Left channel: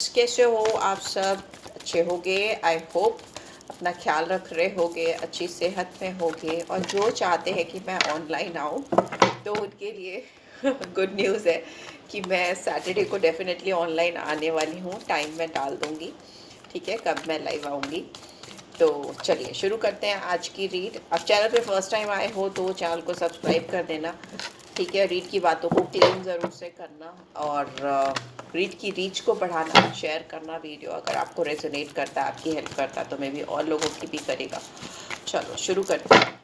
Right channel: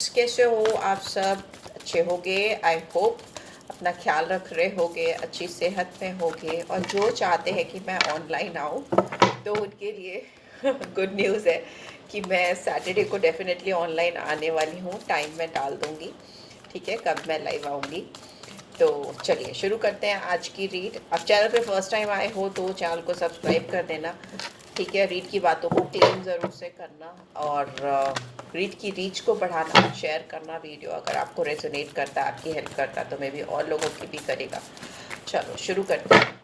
कैसे हो आप सब? अच्छे होगे आई होप। अपना ख्याल रख रहे होगे, अच्छी सेहत में होगे, और जो चाहते हैं कि मैं ऑनलाइन आऊँ तो उनके लिए गुड न्यूज़ है कि मैं सैटरडे को डेफिनेटली ऑनलाइन आने वाली हूँ। टाइम मैं डाल दूँगी, ठीक है, कब मैं लाइव आऊँगी। तो चलिए शुरू करते हैं आज की रीड। अब चैनल पे फर्स्ट टाइम आए हो तो चैनल को सब्सक्राइब कर देना, ठीक है। रीड की बातों को क्लेम ज़रूर से करना, और रीड की रीच को बढ़ाना, शेयर करना वीडियो। अगर आपको रेजोनेट करता है, आपकी हेल्प करता है, तो मैं भी और लोगों की भी करेगा। चलो शुरू करते हैं।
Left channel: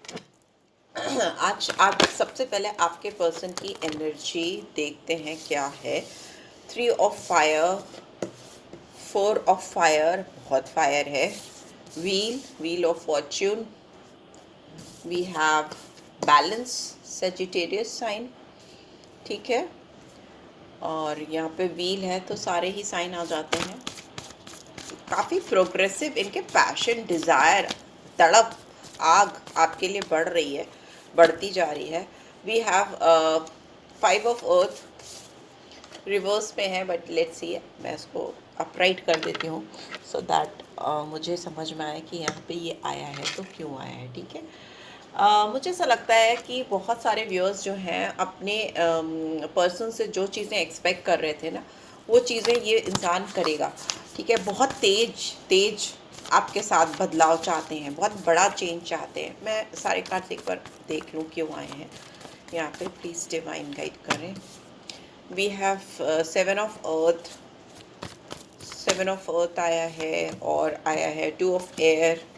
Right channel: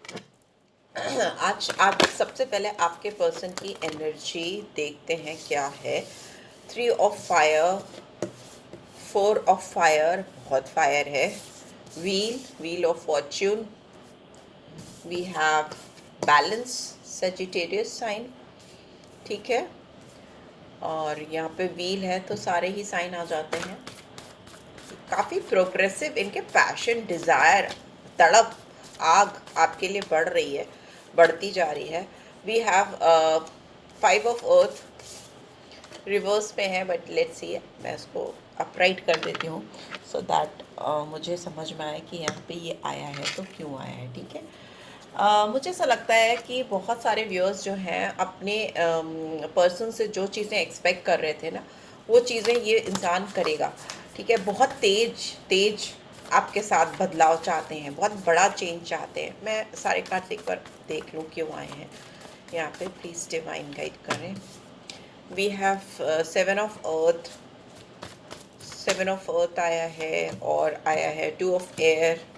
आज सबसे पहले आपके पर्सन की एनर्जी देखते हैं क्या है। 3 ऑफ फायर, 4 ऑफ फायर, बहुत फायर है। Wheel of fortune, we have balance, Sagittarius sign, ठीक है। और यहाँ पे व्हील है तो सारे ही साइन आ जाते हैं। काफ़ी प्रोग्रेसिव इनके पैशन, डिज़ायर, तड़प, आग आपके लिए बढ़ रही है, बढ़ती जा रही है। We have 5 of earth, reverse में है, बट लेट्स सी, मैं इसको अपराइट कर देती हूँ सो दैट मुझे समझ में आए कि यहाँ पे ये आया है तो क्यों आया है, ठीक है। मुझे ऐसा लगता है कि बहुत सारे व्यूअर्स जो हैं अपने पर्सन से जो चीज़ें एक्सपेक्ट कर रहे थे ना, वो चीज़ें ये इंसान करेगा, ठीक है। बहुत तेज तेज आपके साथ बदलाव चाहते हैं, बहुत बड़ा चेंज चाहते हैं। मैं सारे कार्ड्स एक बार देख लूँ क्यों आए हैं यहाँ पे, प्लीज़ डिवाइन गाइड करें। We have 7 of earth, 7 of earth आया है, और आया है 2 ऑफ एयर,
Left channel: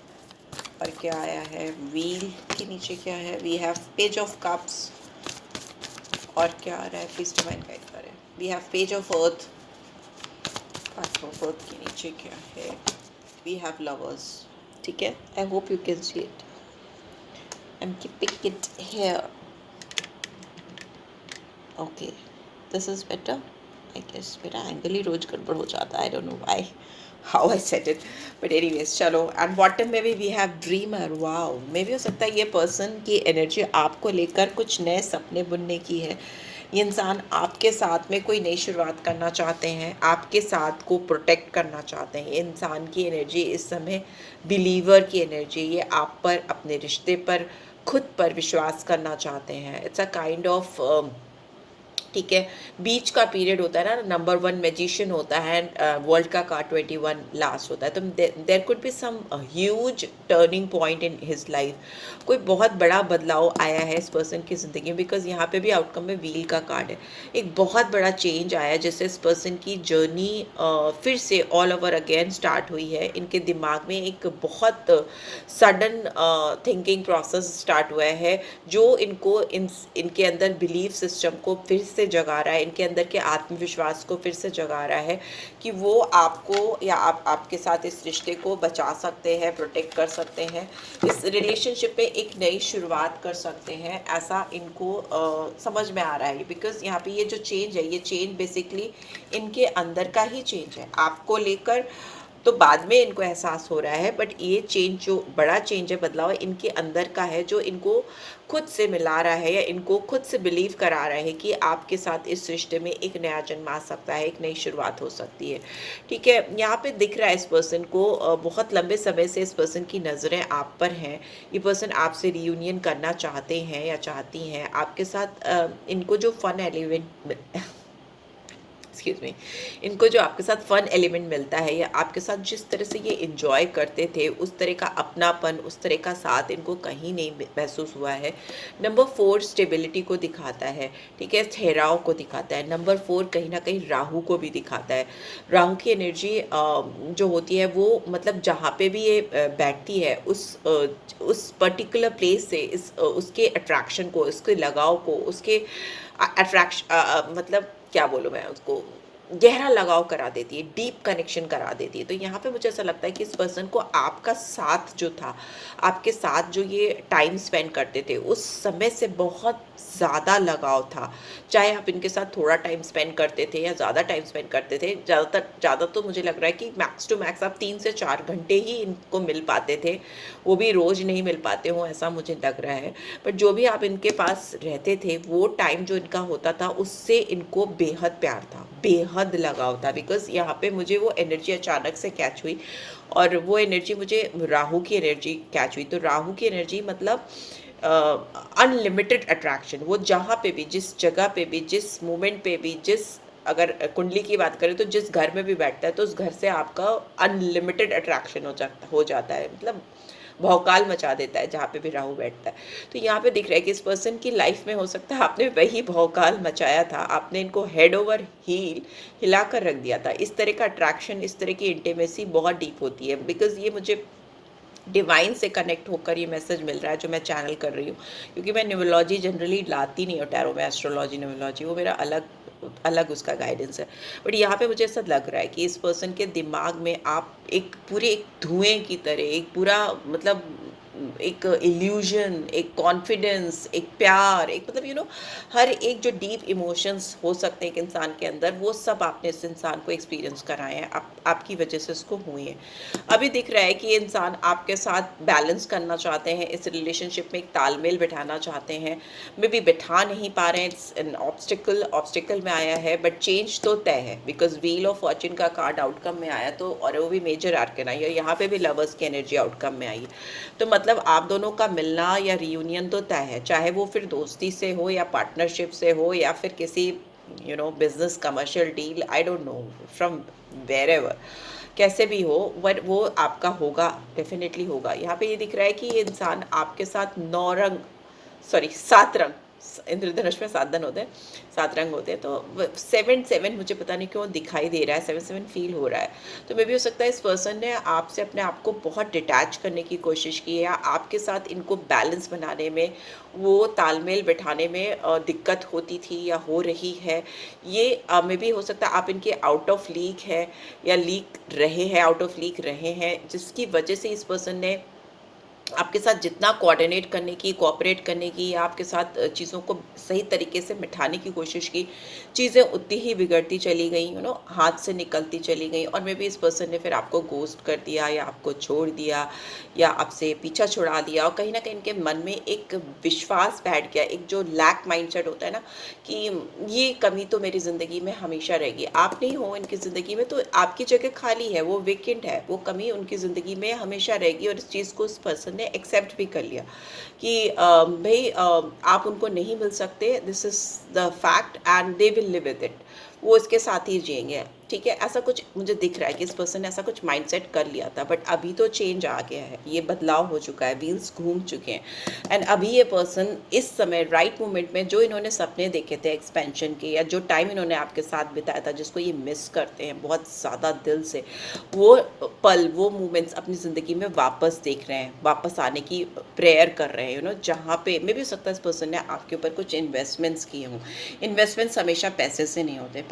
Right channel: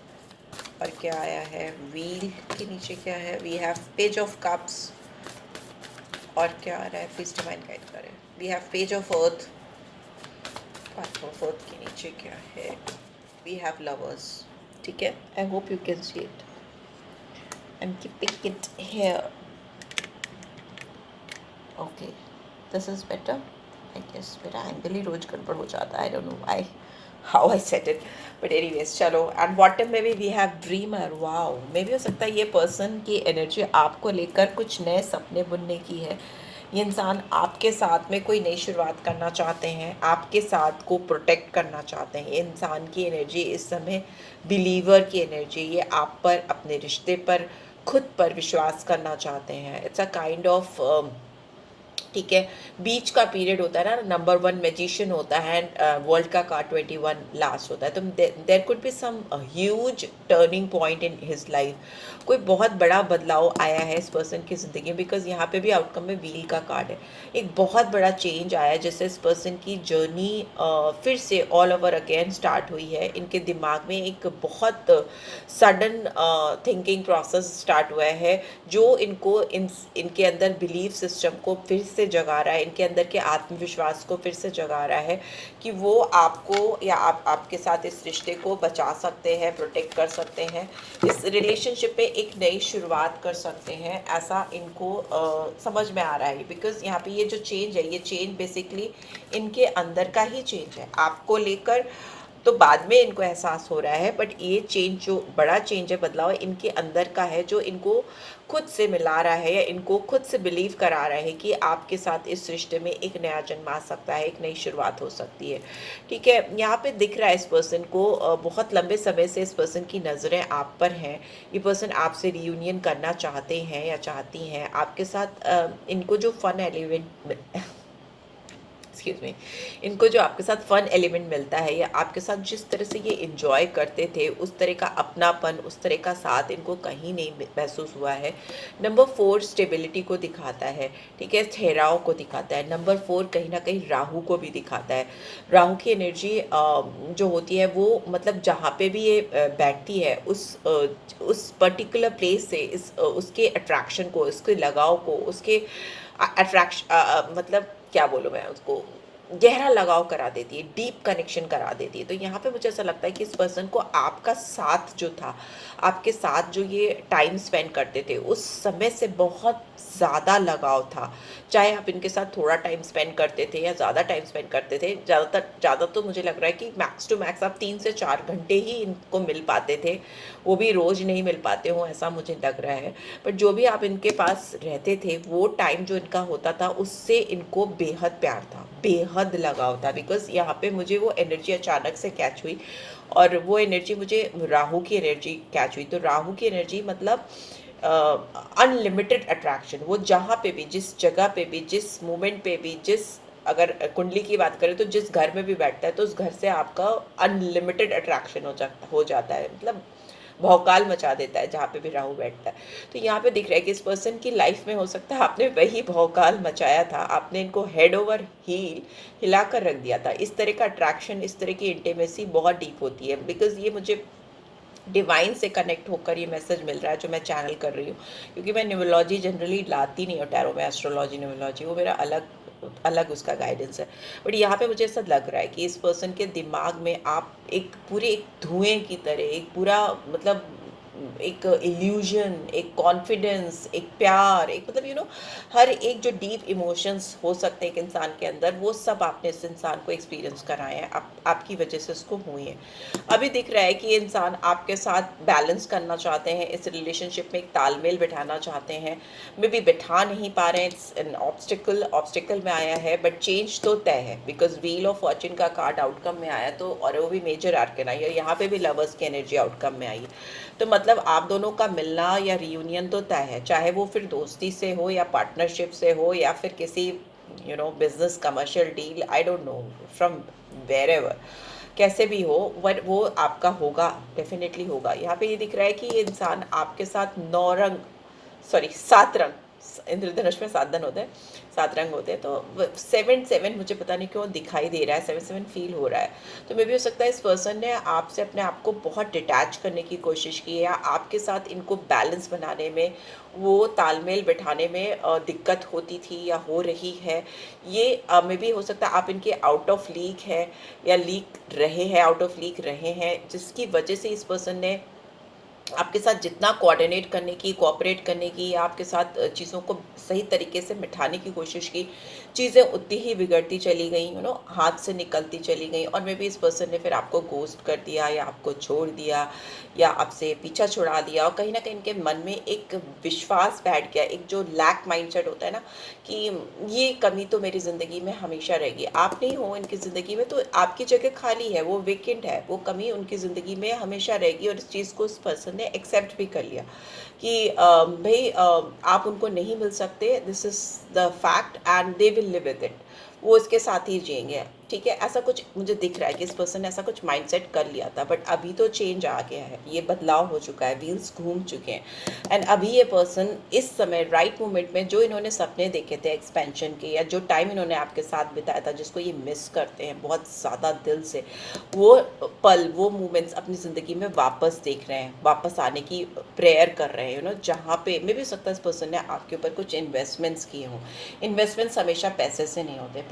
और क्या आया है व्हील के नीचे क्या है। We have page of cups, और क्या आ रहा है, प्लीज डिवाइन गाइड करें। We have page of earth, of earth के नीचे क्या है। वी हैव लवर्स, ठीक है। I hope you can see it, I am keeping it here, okay, this is better I guess. मेरा एंगल ही रोज गड़बड़ हो जाता है, I don't know why, how I set it, but anyways चलो। एंड बॉटम में भी वी हैव ड्रीमर। वाओ, मे भी हो सकता है ये पर्सन की एनर्जी आपको लेकर कुछ नए सपने बुनने की है। ये इंसान आपके साथ में कोई नई शुरुआत करना चाहते हैं, आपके साथ को प्रोटेक्ट करना चाहते हैं। ये इंसान की एनर्जी इस समय बिलीवर की एनर्जी, ये आप पर, अपने रिश्ते पर, खुद पर विश्वास करना चाहते हैं। इट्स अ काइंड ऑफ, ठीक है, बीच का पीरियड होता है ना, नंबर 1 मैजिशियन होता है, वर्ल्ड का कार्ड 21 लास्ट होता है, तो there could be some huge turning point in his life. कोई बहुत बड़ा बदलाव आया है इस पर्सन की ज़िंदगी में, बिकॉज यहाँ पे भी आउटकम में व्हील का कार्ड है। एक बहुत बड़ा चेंज आया है जिससे इस पर्सन की जर्नी फिर से ऑल ओवर अगेन स्टार्ट हुई है। इनके दिमाग में एक बहुत सडन थिंकिंग प्रोसेस स्टार्ट हुआ है, जो इनके अंदर बिलीफ सिस्टम को फिर से जगा रहा है, इनके अंदर के आत्मविश्वास को फिर से जगा रहा है कि वो आपको या आप आपके साथ इस रिश्ते को बचा सकते हैं, प्रोटेक्ट कर सकते हैं, इस रिलेशनशिप पे एक नई शुरुआत कर सकते हैं। ऐसा इनको समझ में आ रहा है, बिकॉज यहाँ पे ये जो चेंज है, ये चेंज बेसिकली इनके अंदर का ही चेंज है। आपको लेकर तो बाद में इनको एहसास हो रहा है, बट ये चेंज, जो बड़ा चेंज है, बदलाव इनके अंदर का है, जो इनको खुद से मिला रहा है, या इनको खुद से बिलीव करा रहा है कि आपके साथ इस रिश्ते में एक नया जन्म आ सकता है, एक नई शुरुआत हो सकती है, ठीक है। यहाँ पे दिख रहा है इस पर्सन को बहुत लंबे समय से इस पर्सन की नज़रें आप पर हैं। ये पर्सन आपसे रियूनियन करना चाहते हैं या चाहती हैं आपके साथ। इनको जो फन एलिमेंट एक्सक्यूज मी, इनको जो आपके साथ फन एलिमेंट मिलता है, या आपके साथ जिस तरह से ये इंजॉय करते थे, उस तरह का अपनापन, उस तरह का साथ इनको कहीं नहीं महसूस हुआ है। नंबर 4 स्टेबिलिटी को दिखाता है, ठीक है, ठहराव को दिखाता है। नंबर 4 कहीं ना कहीं राहु को भी दिखाता है। राहु की एनर्जी जो होती है वो, मतलब जहाँ पे भी ये बैठती है, उस पर्टिकुलर प्लेस से उसके अट्रैक्शन को, उसके लगाव को, उसके अट्रैक्शन, मतलब क्या बोलूँ मैं उसको, गहरा लगाव करा देती है, डीप कनेक्शन करा देती है। तो यहाँ पे मुझे ऐसा लगता है कि इस पर्सन को आपका साथ जो था, आपके साथ जो ये टाइम स्पेंड करते थे, उस समय से बहुत ज़्यादा लगाव था। चाहे आप इनके साथ थोड़ा टाइम स्पेंड करते थे या ज़्यादा टाइम स्पेंड करते थे, ज़्यादा तो मुझे लग रहा है कि मैक्स टू मैक्स आप 3 से 4 घंटे ही इनको मिल पाते थे, वो भी रोज़ नहीं मिल पाते हो, ऐसा मुझे लग रहा है। बट जो भी आप इनके पास रहते थे, वो टाइम जो इनका होता था, उससे इनको बेहद प्यार था, बेहद लगाव था, बिकॉज यहाँ पे मुझे वो एनर्जी अचानक से कैच हुई, और वो एनर्जी मुझे राहु की एनर्जी कैच हुई। तो राहु की एनर्जी मतलब अनलिमिटेड अट्रैक्शन। वो जहाँ पे भी, जिस जगह पे भी, जिस मोमेंट पे भी, जिस, अगर कुंडली की बात करें तो जिस घर में भी बैठता है तो उस घर से आपका अनलिमिटेड अट्रैक्शन हो जाता है, मतलब भौकाल मचा देता है जहाँ पे भी राहु बैठता है। तो यहाँ पे दिख रहा है कि इस पर्सन की लाइफ में हो सकता है आपने वही भौकाल मचाया था, आपने इनको हेड ओवर हील हिला कर रख दिया था। इस तरह का अट्रैक्शन, इस तरह की इंटीमेसी बहुत डीप होती है, बिकॉज ये मुझे डिवाइन से कनेक्ट होकर ये मैसेज मिल रहा है जो मैं चैनल कर रही हूँ, क्योंकि मैं न्यूमरोलॉजी जनरली लाती नहीं हूँ टैरो में, एस्ट्रोलॉजी न्यूमरोलॉजी वो मेरा अलग अलग उसका गाइडेंस है। बट यहाँ पे मुझे ऐसा लग रहा है कि इस पर्सन के दिमाग में आप एक पूरे एक धुएं की तरह, एक पूरा मतलब एक इल्यूजन, एक कॉन्फिडेंस, एक प्यार, एक मतलब हर एक जो डीप इमोशंस हो सकते हैं एक इंसान के अंदर, वो सब आपने इस इंसान को एक्सपीरियंस कराए हैं, आपकी वजह से उसको हुए हैं। अभी दिख रहा है कि ये इंसान आपके साथ बैलेंस करना चाहते हैं, इस रिलेशनशिप में एक तालमेल बिठाना चाहते हैं, मे बी बिठा नहीं पा रहे हैं, इट्स एन ऑब्स्टिकल में आया है, बट चेंज तो तय है, बिकॉज व्हील ऑफ फॉर्च्यून का कार्ड आउटकम में आया, तो और वो भी मेजर आर्कन आई है, यहाँ पे भी लवर्स की एनर्जी आउटकम में आई है। तो मतलब आप दोनों का मिलना या रियूनियन तो तय है, चाहे वो फिर दोस्ती से हो या पार्टनरशिप से हो या फिर किसी business commercial deal, I don't know from wherever, कैसे भी हो, बट वो आपका होगा, डेफिनेटली होगा। यहाँ पे ये दिख रहा है कि ये इंसान आपके साथ 9 रंग, सॉरी 7 रंग, इंद्रधनुष में 7 होते हैं, 7 रंग होते हैं, तो 7 मुझे पता नहीं क्यों दिखाई दे रहा है, 7 फील हो रहा है। तो मे भी हो सकता है इस पर्सन ने आपसे अपने आप को बहुत डिटैच करने की कोशिश की है, या आपके साथ इनको बैलेंस बनाने में, वो तालमेल बिठाने में दिक्कत होती थी या हो रही है। ये मे भी हो सकता है आप इनके आउट ऑफ लीक है, या लीक रहे हैं, आउट ऑफ लीक रहे हैं, जिसकी वजह से इस पर्सन ने आपके साथ जितना कोऑर्डिनेट करने की, कोऑपरेट करने की, या आपके साथ चीज़ों को सही तरीके से मिटाने की कोशिश की, चीज़ें उतनी ही बिगड़ती चली गई, हाथ से निकलती चली गई, और मे बी इस पर्सन ने फिर आपको गोस्ट कर दिया, या आपको छोड़ दिया, या आपसे पीछा छुड़ा दिया, और कहीं ना कहीं इनके मन में एक विश्वास बैठ गया, एक जो लैक माइंडसेट होता है ना, कि ये कमी तो मेरी ज़िंदगी में हमेशा रहेगी, आप नहीं हो इनकी ज़िंदगी में तो आपकी जगह खाली है, वो वेकेंट है, वो कमी उनकी ज़िंदगी में हमेशा रहेगी, और इस चीज़ को उस पर्सन ने एक्सेप्ट भी कर लिया कि भाई आप उनको नहीं मिल सकते, this is the fact and they will live with it, वो इसके साथ ही जिएंगे, ठीक है। ऐसा कुछ मुझे दिख रहा है कि इस पर्सन ने ऐसा कुछ माइंडसेट कर लिया था, बट अभी तो चेंज आ गया है, ये बदलाव हो चुका है, व्हील्स घूम चुके हैं, एंड अभी ये पर्सन इस समय राइट मोमेंट में जो इन्होंने सपने देखे थे एक्सपेंशन के, या जो टाइम इन्होंने आपके साथ बिताया था, जिसको ये मिस करते हैं बहुत ज़्यादा दिल से, वो पल, वो मोमेंट्स अपनी ज़िंदगी में वापस देख रहे हैं, वापस आने की प्रेयर कर रहे हैं, जहाँ पे मे भी हो सकता है इस पर्सन ने आपके ऊपर कुछ इन्वेस्टमेंट्स किए हों। इन्वेस्टमेंट्स हमेशा पैसे से नहीं होते,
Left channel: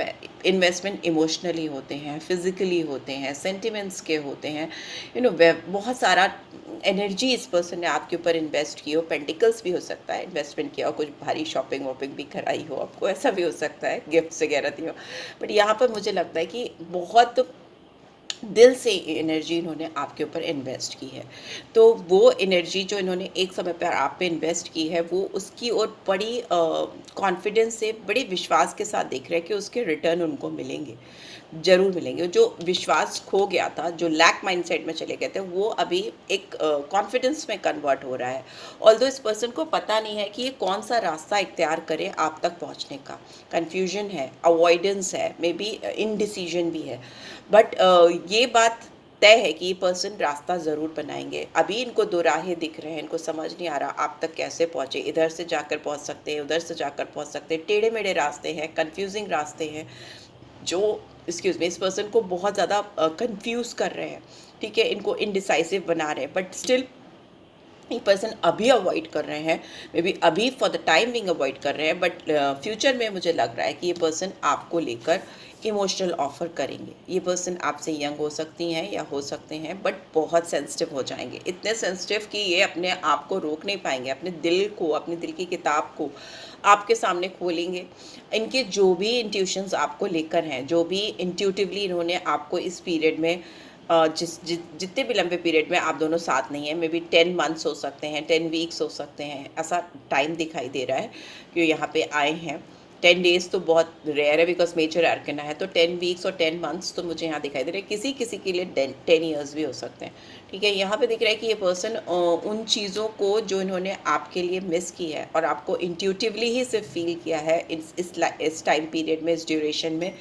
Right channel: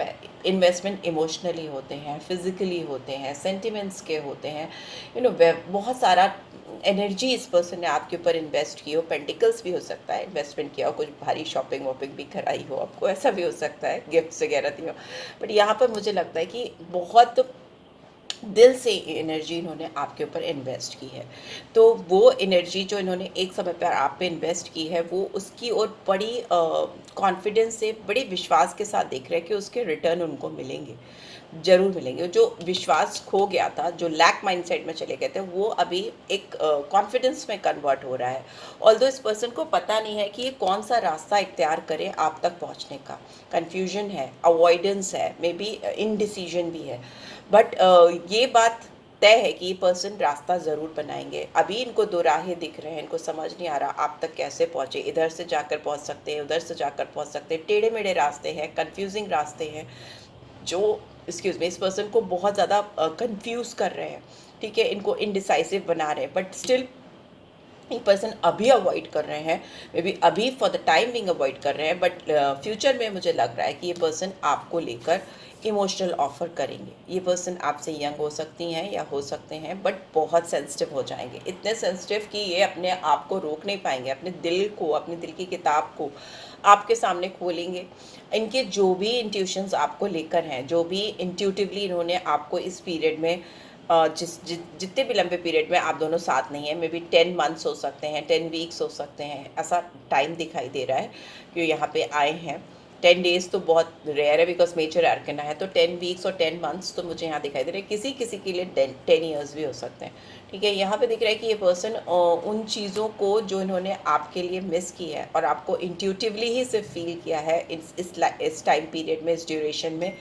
इन्वेस्टमेंट इमोशनली होते हैं, फिजिकली होते हैं, सेंटिमेंट्स के होते हैं, बहुत सारा एनर्जी इस पर्सन ने आपके ऊपर इन्वेस्ट की हो, पेंटिकल्स भी हो सकता है इन्वेस्टमेंट किया हो, कुछ भारी शॉपिंग वॉपिंग भी कराई हो आपको, ऐसा भी हो सकता है, गिफ्ट्स वगैरह दी हो, बट यहाँ पर मुझे लगता है कि बहुत दिल से एनर्जी इन्होंने आपके ऊपर इन्वेस्ट की है। तो वो एनर्जी जो इन्होंने एक समय पर आप पे इन्वेस्ट की है, वो उसकी और बड़ी कॉन्फिडेंस से, बड़े विश्वास के साथ देख रहे हैं कि उसके रिटर्न उनको मिलेंगे, ज़रूर मिलेंगे। जो विश्वास खो गया था, जो लैक माइंडसेट में चले गए थे, वो अभी एक कॉन्फिडेंस में कन्वर्ट हो रहा है। ऑल्दो इस पर्सन को पता नहीं है कि ये कौन सा रास्ता इख्तियार करे आप तक पहुंचने का, कन्फ्यूजन है, अवॉइडेंस है, मे बी इनडिसीजन भी है, बट ये बात तय है कि ये पर्सन रास्ता ज़रूर बनाएंगे। अभी इनको दो राहें दिख रहे हैं, इनको समझ नहीं आ रहा आप तक कैसे पहुँचे, इधर से जाकर पहुँच सकते हैं, उधर से जाकर पहुँच सकते हैं, टेढ़े मेढ़े रास्ते हैं, कन्फ्यूजिंग रास्ते हैं, जो एक्सक्यूज़ मी इस पर्सन को बहुत ज़्यादा कंफ्यूज कर रहे हैं, ठीक है, इनको इनडिसाइसिव बना रहे हैं, बट स्टिल ये पर्सन अभी अवॉइड कर रहे हैं, मे बी अभी for the time being avoid कर रहे हैं, बट फ्यूचर में मुझे लग रहा है कि ये पर्सन आपको लेकर इमोशनल ऑफर करेंगे। ये पर्सन आपसे यंग हो सकती हैं या हो सकते हैं, बट बहुत सेंसिटिव हो जाएंगे, इतने सेंसिटिव कि ये अपने आप को रोक नहीं पाएंगे, अपने दिल को, अपने दिल की किताब को आपके सामने खोलेंगे। इनके जो भी इंट्यूशंस आपको लेकर हैं, जो भी इंट्यूटिवली इन्होंने आपको इस पीरियड में जितने भी लंबे पीरियड में आप दोनों साथ नहीं हैं, मे बी 10 मंथ्स हो सकते हैं, 10 वीक्स हो सकते हैं, ऐसा टाइम दिखाई दे रहा है कि यहाँ पे आए हैं, 10 days तो बहुत रेयर है बिकॉज मेजर आर्कना है, तो 10 weeks और 10 months तो मुझे यहाँ दिखाई दे रहा है। किसी किसी के लिए 10 years भी हो सकते हैं। ठीक है, यहाँ पे दिख रहा है कि ये पर्सन उन चीज़ों को जो इन्होंने आपके लिए मिस की है और आपको इंट्यूटिवली ही सिर्फ फील किया है इस टाइम पीरियड में, इस ड्यूरेशन में,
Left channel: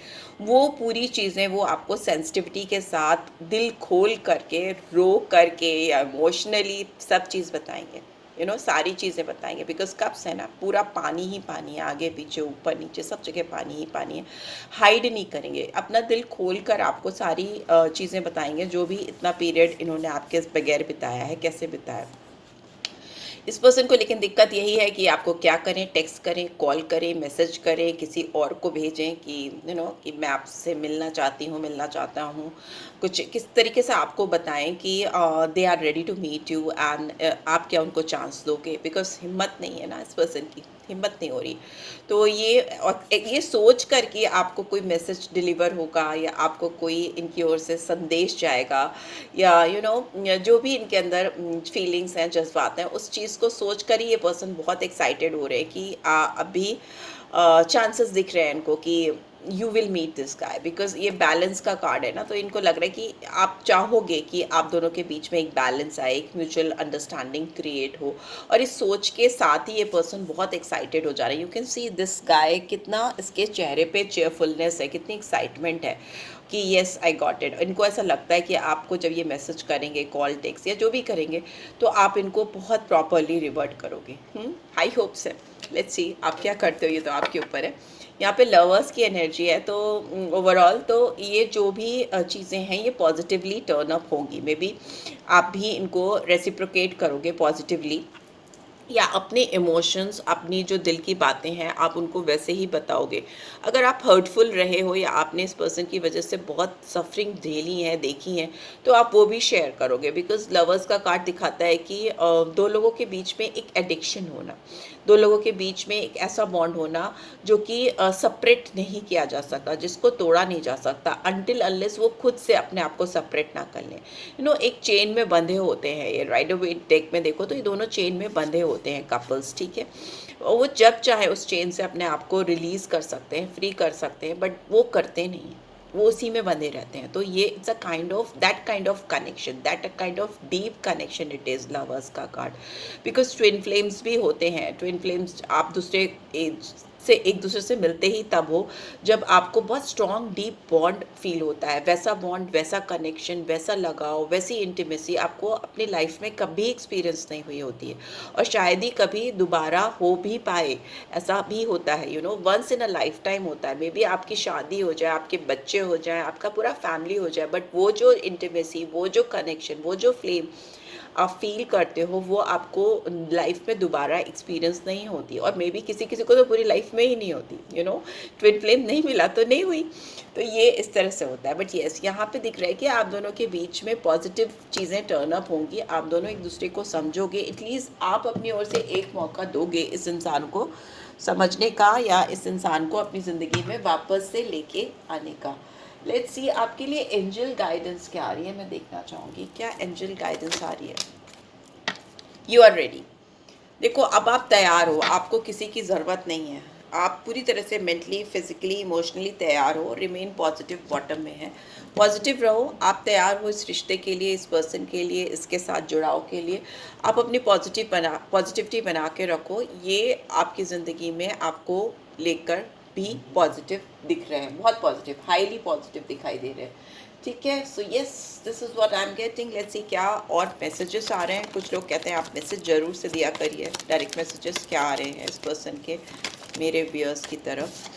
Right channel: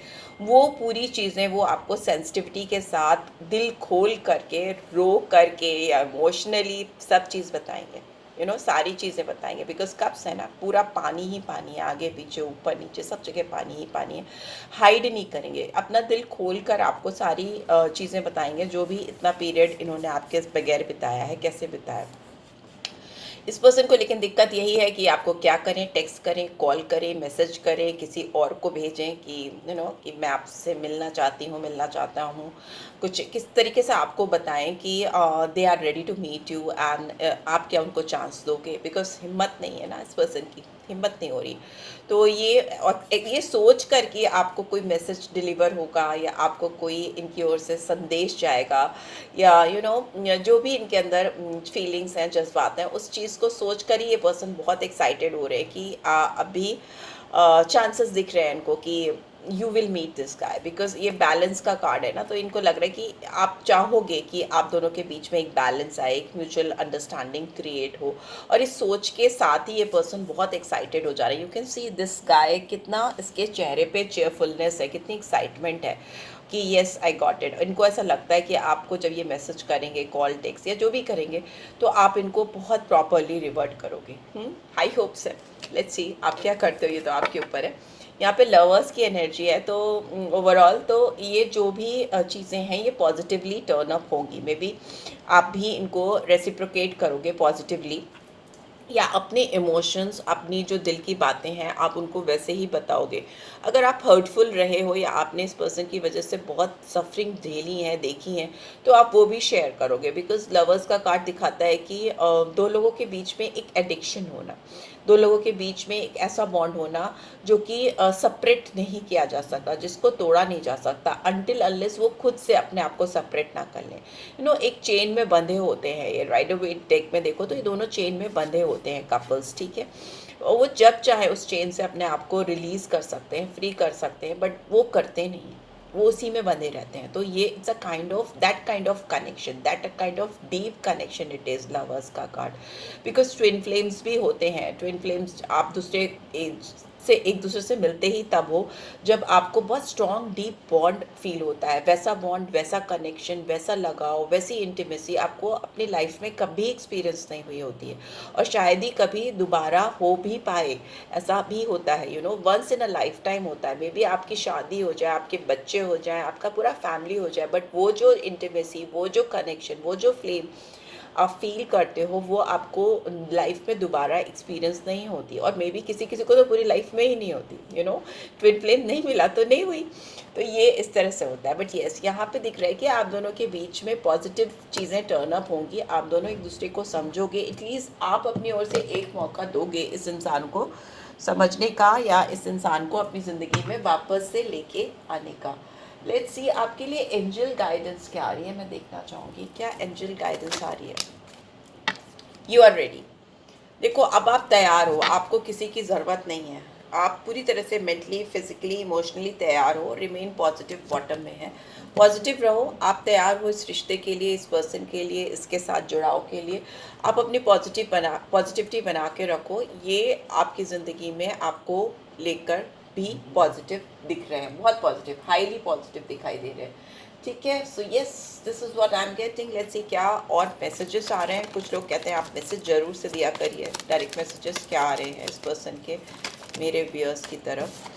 वो पूरी चीज़ें वो आपको सेंसिटिविटी के साथ दिल खोल करके, रो करके या इमोशनली सब चीज़ बताएंगे। सारी चीज़ें बताएंगे बिकॉज कप्स है ना, पूरा पानी ही पानी है, आगे पीछे ऊपर नीचे सब जगह पानी ही पानी है। हाइड नहीं करेंगे, अपना दिल खोल कर आपको सारी चीज़ें बताएंगे जो भी इतना पीरियड इन्होंने आपके बगैर बिताया है, कैसे बिताया। इस पर्सन को लेकिन दिक्कत यही है कि आपको क्या करें, टेक्स्ट करें, कॉल करें, मैसेज करें, किसी और को भेजें कि कि मैं आपसे मिलना चाहती हूँ, मिलना चाहता हूँ, कुछ किस तरीके से आपको बताएं कि they are ready to meet you and आप क्या उनको चांस दोगे, बिकॉज हिम्मत नहीं है ना इस पर्सन की, हिम्मत नहीं हो रही। तो ये सोच कर कि आपको कोई मैसेज डिलीवर होगा या आपको कोई इनकी ओर से संदेश जाएगा या जो भी इनके अंदर फीलिंग्स हैं, जज्बात हैं, उस चीज़ को सोच कर ही ये पर्सन बहुत एक्साइटेड हो रहे हैं कि अभी चांसेस दिख रहे हैं इनको कि you will meet this guy, because ये बैलेंस का कार्ड है ना, तो इनको लग रहा है कि आप चाहोगे कि आप दोनों के बीच में एक बैलेंस आए, एक म्यूचुअल अंडरस्टैंडिंग क्रिएट हो। और इस सोच के साथ ही ये पर्सन बहुत एक्साइटेड हो जा रहा है। You can see this guy, कितना इसके चेहरे पे चेयरफुलनेस है, कितनी एक्साइटमेंट है कि येस आई गॉट इट। इनको ऐसा लगता है कि आपको जब ये मैसेज करेंगे, कॉल, टेक्स्ट या जो भी करेंगे, तो आप इनको बहुत प्रॉपरली रिवर्ट करोगे। हाई होप्स है, लेट्स सी आप क्या करते हो, ये तो आपके ऊपर है। यहाँ पे लवर्स की एनर्जी है, तो ओवरऑल तो ये जो भी चीज़ें हैं ये पॉजिटिवली टर्न अप होंगी। मे बी आप भी इनको रेसिप्रोकेट करोगे पॉजिटिवली, या अपने इमोशंस, अपनी जो दिल की बातें हैं आप उनको वैसे ही बताओगे। अगर आप हर्टफुल रहे हो या आपने इस पर्सन की वजह से बहुत सफरिंग झेली है, देखी हैं, तो आप वो भी शेयर करोगे। बिकॉज लवर्स का कार्ड दिखाता है कि दो लोगों के बीच में एक एडिक्शन होना, दो लोगों के बीच में एक ऐसा बॉन्ड होना जो कि सेपरेट नहीं किया जा सकता, जिसको तोड़ा नहीं जा सकता अनटिल अनलेस वो खुद से अपने आप को सेपरेट ना कर लें। एक चेन में बंधे होते हैं। ये राइडर वेट डेक में देखो तो ये दोनों चेन में बंधे होते हैं कपल्स, ठीक है। और वो जब चाहे उस चेन से अपने आप को रिलीज कर सकते हैं, फ्री कर सकते हैं, बट वो करते नहीं हैं, वो उसी में बंधे रहते हैं। तो ये it's a kind of connection, that a kind of deep connection it is lovers का कार्ड। बिकॉज ट्विन फ्लेम्स भी होते हैं। ट्विन फ्लेम्स आप दूसरे से एक दूसरे से मिलते ही तब हो जब आपको बहुत स्ट्रॉन्ग डीप बॉन्ड फील होता है। वैसा बॉन्ड, वैसा कनेक्शन, वैसा लगाव, वैसी इंटीमेसी आपको अपनी लाइफ में कभी एक्सपीरियंस नहीं हुई होती है, और शायद ही कभी दोबारा हो भी पाए। ऐसा भी होता है, once in a lifetime होता है। मे बी आपकी शादी हो जाए, आपके बच्चे हो जाए, आपका पूरा फैमिली हो जाए, बट वो जो इंटीमेसी, वो जो कनेक्शन, वो जो फ्लेम आप फील करते हो, वो आपको लाइफ में दोबारा एक्सपीरियंस नहीं होती। और मे बी किसी किसी को तो पूरी लाइफ में ही नहीं होती। ट्विन फ्लेम नहीं मिला तो नहीं हुई। तो ये इस तरह से होता है। बट येस, यहाँ पे दिख रहा है कि आप दोनों के बीच में पॉजिटिव चीज़ें टर्न अप होंगी। आप दोनों एक दूसरे को समझोगे, एटलीस्ट आप अपनी ओर से एक मौका दोगे इस इंसान को समझने का, या इस इंसान को अपनी ज़िंदगी में वापस से लेके आने का। लेट्स सी आपके लिए एंजल गाइडेंस क्या आ रही है, मैं देखना चाहूँगी क्या एंजल गाइडेंस आ रही है। You are ready. देखो, अब आप तैयार हो, आपको किसी की ज़रूरत नहीं है। आप पूरी तरह से मेंटली, फिजिकली, इमोशनली तैयार हो। रिमेन पॉजिटिव बॉटम में है, पॉजिटिव रहो। आप तैयार हो इस रिश्ते के लिए, इस पर्सन के लिए, इसके साथ जुड़ाव के लिए। आप अपनी पॉजिटिविटी बना के रखो। ये आपकी ज़िंदगी में आपको लेकर भी पॉजिटिव दिख रहे हैं, बहुत पॉजिटिव, हाईली पॉजिटिव दिखाई दे रहे हैं। ठीक है, so yes, this is what I am getting. Let's see क्या और मैसेजेस आ रहे हैं। कुछ लोग कहते हैं आप मैसेज ज़रूर से दिया करिए। डायरेक्ट मैसेजेस क्या आ रहे हैं इस पर्सन के मेरे व्यूअर्स की तरफ।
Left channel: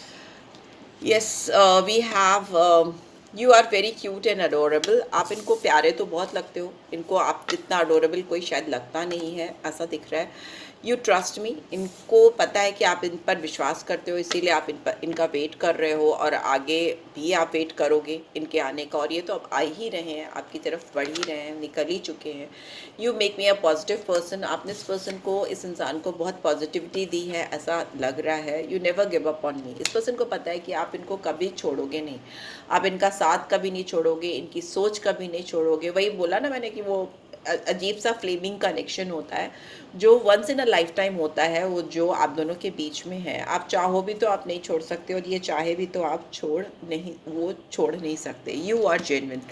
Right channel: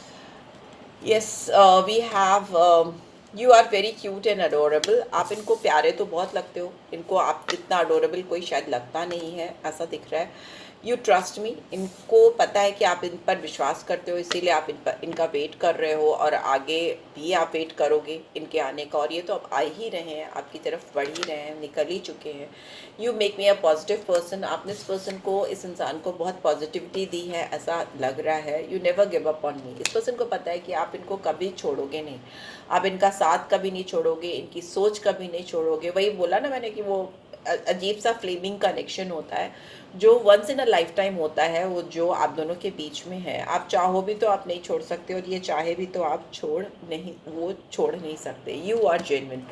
Yes, we have you are very cute and adorable. आप इनको प्यारे तो बहुत लगते हो, इनको आप जितना अडोरेबल कोई शायद लगता नहीं है, ऐसा दिख रहा है। यू ट्रस्ट मी, इनको पता है कि आप इन पर विश्वास करते हो, इसीलिए आप इनका वेट कर रहे हो, और आगे भी आप वेट करोगे इनके आने का। और ये तो अब आ ही रहे हैं, आपकी तरफ बढ़ ही रहे हैं, निकल ही चुके हैं। You make me a positive person. आपने इस पर्सन को, इस इंसान को बहुत पॉजिटिविटी दी है, ऐसा लग रहा है। You never give up on me. इस पर्सन को पता है कि आप इनको कभी छोड़ोगे नहीं, आप इनका साथ कभी नहीं छोड़ोगे, इनकी सोच कभी नहीं छोड़ोगे। वही बोला ना मैंने कि वो अजीब सा फ्लेमिंग कनेक्शन होता है जो once in a lifetime होता है, वो जो आप दोनों के बीच में है। आप चाहो भी तो आप नहीं छोड़ सकते, और ये चाहे भी तो आप छोड़ नहीं सकते। यू आर जेन्युइन,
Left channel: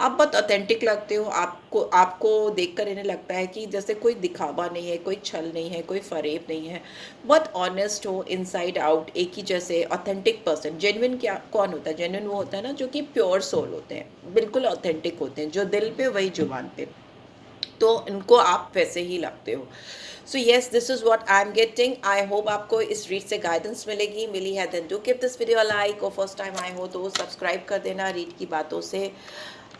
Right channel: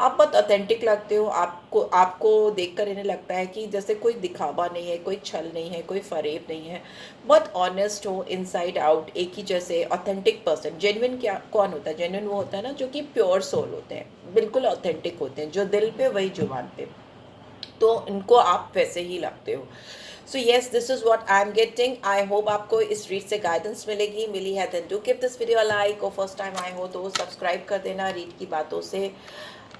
आप बहुत ऑथेंटिक लगते हो। आपको देखकर इन्हें लगता है कि जैसे कोई दिखावा नहीं है, कोई छल नहीं है, कोई फरेब नहीं है। बहुत ऑनेस्ट हो इनसाइड आउट, एक ही जैसे ऑथेंटिक पर्सन। जेन्युइन क्या कौन होता है? जेन्युइन वो होता है ना जो कि प्योर सोल होते हैं, बिल्कुल ऑथेंटिक होते हैं, जो दिल पे वही जुबान पे। तो इनको आप वैसे ही लगते हो। So yes, this is what I am getting. I hope आपको इस रीड से गाइडेंस मिली है। Then do give this video a like, और फर्स्ट टाइम आए हो तो सब्सक्राइब कर देना। रीड की बातों से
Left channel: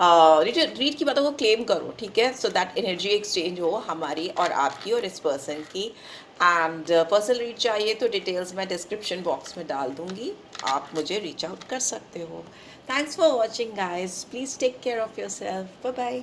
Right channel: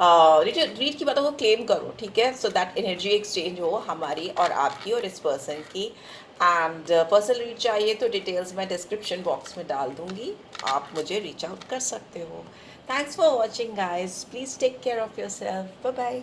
रीड की बातों को क्लेम करो, ठीक है, सो दैट एनर्जी एक्सचेंज हो हमारी और आपकी और इस पर्सन की। एंड पर्सनल रीड चाहिए तो डिटेल्स मैं डिस्क्रिप्शन बॉक्स में डाल दूंगी, आप मुझे रीच आउट कर सकते हो। Thanks for watching guys, please take care of yourself, bye bye.